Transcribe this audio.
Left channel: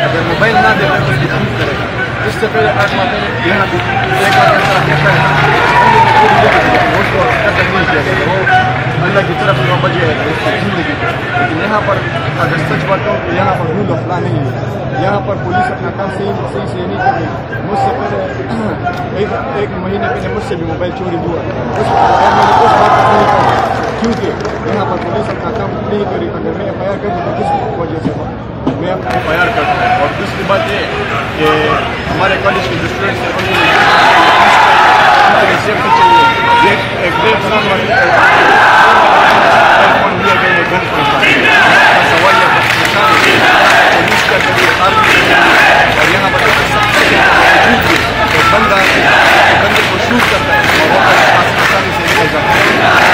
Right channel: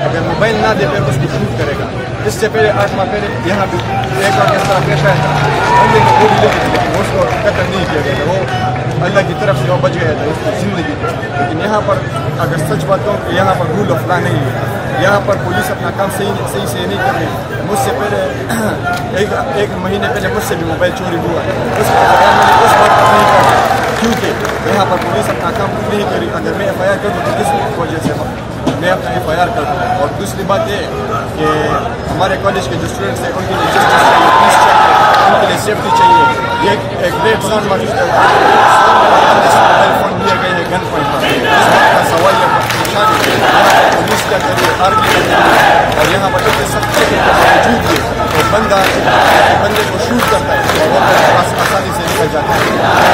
अगर मोबाइल ना दे तो उसको शूट करेगा। इससे पहले 8 माह पहले यहाँ भी एक और इस तरह कैसा है वो उसको कत्ल नहीं किया गया था, वो अल्लाह की तरफ से वो बच गया था उसकी ज़िंदगी। लेकिन यहाँ पर अगर सच बात कहूँ कि यहाँ पर रूल ऑफ लॉ नहीं है, यहाँ पर पुलिस अपना काम सही से नहीं कर रही। मुझसे पहले एक महीने पहले मुझसे भी मोबाइल चोरी हुआ है, मैंने उस बात पर नहीं कहा क्योंकि यहाँ पर पुलिस अपना काम नहीं करी। अगर मैं FIR कर दूँ तो किस वजह से मैं अपनी FIR कर दूँ। और दूसरी बात ये कि हमारे कॉलेज के जो स्टूडेंट्स हैं उनके लिए जस्टिस चाहिए, पीस चाहिए, उनके लिए सेफ्टी चाहिए। ये एक ग्रेट सन मोबाइल फ़ोन दिया गया है गन पॉइंट पर, सवाल है पुलिस का करिए, आर्मी का करिए, और यहाँ पर सब बावजूद भी बंदे को शूट करता है और वो आसानी से निकल जाता है।